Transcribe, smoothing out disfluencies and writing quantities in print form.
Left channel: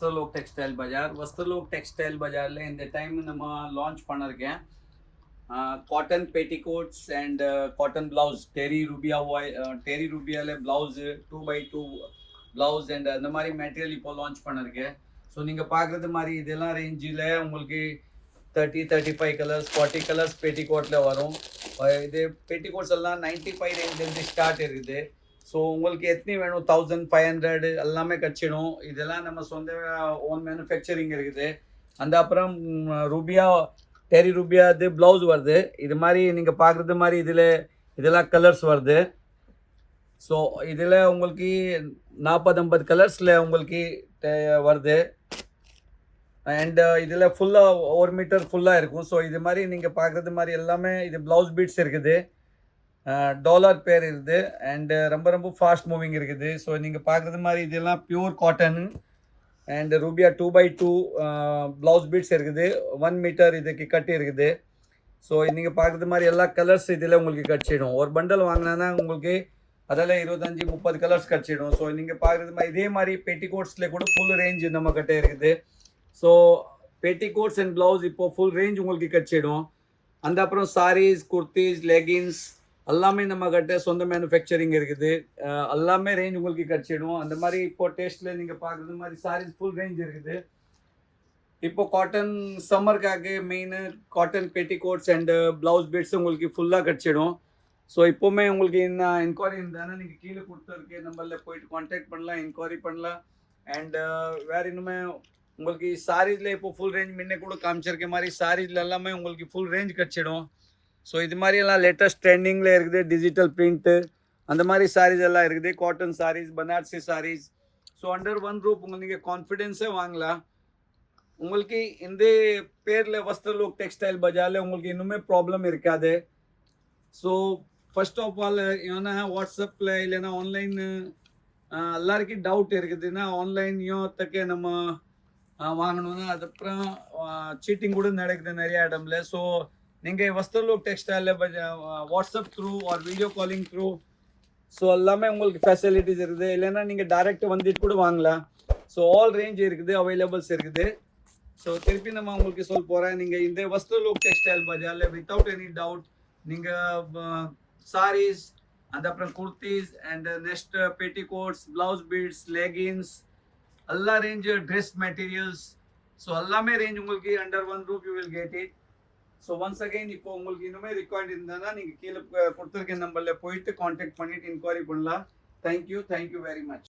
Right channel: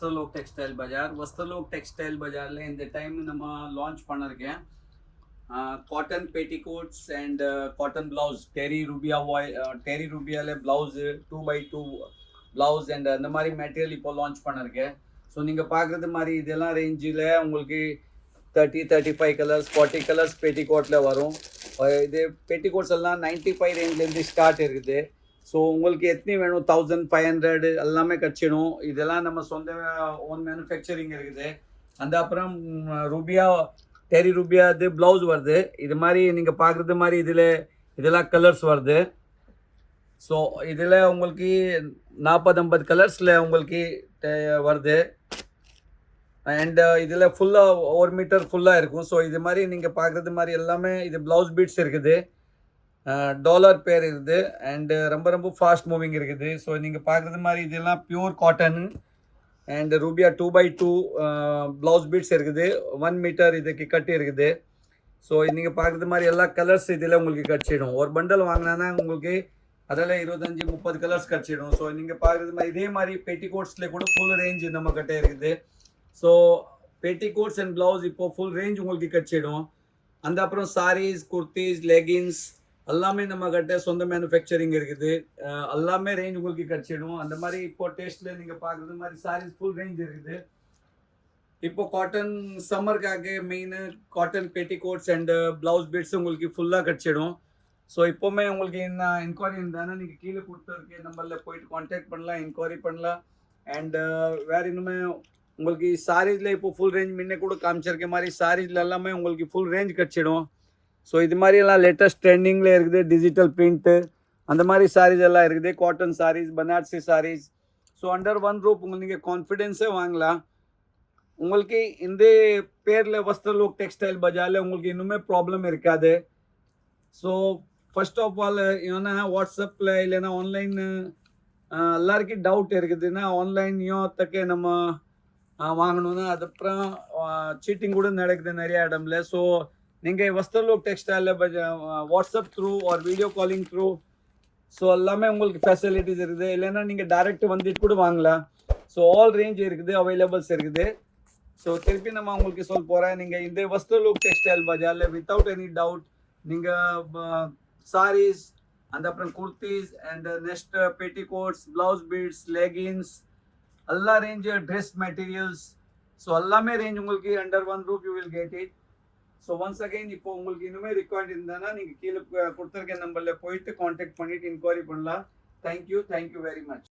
Vastralok textile பஜார். Vastralok textile பஜாரில் இந்த time நம்ம லான்ச் பண்ணிருக்கேன் cotton petticoats and cotton blouse terry ரூபியாவில் ப்ளவுஸு 2x2 ப்ளவுஸ் அண்ட் அந்த மாதிரி மெட்டீரியல் இப்போ லான்ச் பண்ணிருக்கேன். ஸோ நீங்கள் பார்க்குறது மாதிரி இதெல்லாம் ரேஞ்சில் உங்களுக்கு 30-35 கலர்ஸ் 40 கலர்ஸ் பெட்டிகோட்டில் வரும். இது பெட்டிகோட்ஸ் எல்லாம் 95 ரேஞ்ச்லேருந்து ஸ்டார்ட் இருக்குது. ஸோ உங்களுக்கு எத்தனை வேணும் 1500 எல்லாமே கச்சிடும். இதெல்லாம் நம்ம சொந்த ஓன் மேனுஃபேக்சரிங் இருக்குது. அந்த அப்புறம் டெரி ரூபியா இது ப்ளவுஸ் வருது. இது மாதிரி நீங்கள் பார்க்குறது மாதிரி இதெல்லாம் கலர்ஸ் வருது. ஸோ இதில் உங்களுக்கு 40-50 கலர்ஸில் உங்களுக்கு வருது. அண்ட் இதில் ஃபுல்லாக 1 மீட்டர் ஃபுல்லாக இருக்கும். ஸோ இது மாதிரி நீங்கள் பார்க்குறது மாதிரி எல்லாமே இது ப்ளவுஸ் பீட்ஸ் இருக்குது, டாலர் பேர் இருக்குது அண்டு ரொம்ப ரொம்ப ஃபாஸ்ட் மூவிங் இருக்குது. ஸோ நீங்கள் பார்க்குறது மாதிரி இதெல்லாம் pure cotton and rubia 2x2 blouse bits இருக்குது. 1 மீட்டர் இதுக்கு கட்டி இருக்குது. ஸோ நீங்கள் பார்க்குறது மாதிரி எல்லா கலர்ஸ் இதில் உங்களுக்கு கட்சிடும். ஒரு பண்டல் வாங்கினா உங்களுக்கு அதில் 25-30 கலர்ஸ் கட்சிடும். ஸோ நீங்கள் பார்க்குறது மாதிரி இதே மாதிரி பெட்டிகோட்ஸில் கூட ஃபுல் ரேஞ்ச் நம்ம கிட்டே இருக்குது. ஸோ பெட்டிகோட்ஸ் அண்ட் ப்ளவுஸ் இப்போது ஃபுல் ரேஞ்ச் உங்களுக்கு கட்சிடும். அந்த அப்புறம் சாரீஸ், குர்த்திஸ், லெகின்ஸ் எல்லாமே நம்ம கிட்ட சொந்த மேனுஃபேக்சரிங் இருக்குது. எல்லாமே ரேஞ்ச் உங்களுக்கு கிடச்சிடும். அந்த மாதிரி இப்போ டேஸ்ட்டில் நீங்கள் பார்க்குறது மாதிரி சாரீஸ் ஃபுல் ரேஞ்ச் இருக்குது. இப்போ காட்டன் சம்மருக்காக main cotton petticoats and blouse bits உங்களுக்கு ஃபுல்லாக கிடச்சிடும். ஸோ இப்போவுமே உங்களுக்கு என்ன என்கொயரி இருந்தானா நீங்கள் கீழே கொடுத்துருக்க நம்பரில் போயிட்டு கான்டாக்ட் பண்ணலாம், என்கொயரி பண்ணலாம். அண்டு வேறு இன்னுமே உங்களுக்கு சாரீஸில் இப்போ ஃபுல் ரேஞ்ச் முன்னே கூட காமிச்சிருக்க மாதிரி சாரீஸில் எல்லாமே உங்களுக்கு ஃபுல் ரேஞ்ச் கிடச்சிடும். ஸோ இது மாதிரியெல்லாம் லேட்டஸ்ட் ட்ரெண்டிங்கில் இருக்குது. டிஜிட்டல் பிரிண்ட்டு அந்த மாதிரி சாரீஸ் எல்லாம் இருக்குது. Cotton saris, Banarasi saris. So under one roof உங்களுக்கு நீங்கள் கான்ஃபிடென்ஸே வாங்கலாம். உங்களுக்கு இந்த பேரில் வஸ்திரலோக் டெக்ஸ்டைல் பஜாரில் உங்களுக்கு இன்னுமே ப்ராப்ளம் இருக்காது. ஸோ ஃபர்ஸ்ட் ஆஃப் ஆல் ஏன்னா வாட்ஸ்அப்பில் இல்லைன்னா ஆன்லைன் எல்லாருக்கும் டவுட் இருக்குதுன்னா ஆன்லைன்லையும் தக்க நம்ம வாங்கணும்னா அதுக்கப்புறம் சீட்டிங் கூட நடக்குது நிறைய இடம்ல. ஸோ நீங்கள் வஸ்திரலோக் டெக்ஸ்டைலில் WhatsApp through or video calling through so எல்லாமே உங்களுக்கு ஃபெசிலிட்டிஸ் இருக்குது. இல்லைன்னா நீங்கள் டைரெக்ட் வந்துட்டு கூட வாங்கலாம். ஸோ ஆல் ரேஞ்ச் இருக்குது, அவைலபிள்ஸ் இருக்குது. ஸோ திருப்பி நம்ம உங்களுக்கு சொல்ல போகிறேன். நீங்கள் இந்த வஸ்திரலோக் டெக்ஸ்டைல் பஜாரில் வித்தவுட் எனி டவுட் நீங்கள் சாரீஸ், அந்த அப்புறம் kurtis and next petticoats, blouse bits, leggings எல்லா ரேஞ்சு ட்ரெஸ் மெட்டீரியல்ஸ் ஸோ எல்லாமே ரேஞ்ச் உங்களுக்கு under one roof you will get it. So once again இப்போ உங்களுக்கு இன்னுமே ரிக்வயர்ட் இருந்தானா நீங்கள் கீழே கொடுத்துருக்க நம்பரில் போயிட்டு கான்டாக்ட் பண்ணிவிட்டு இன்கொயரி பண்ணலாம். Thank you very much.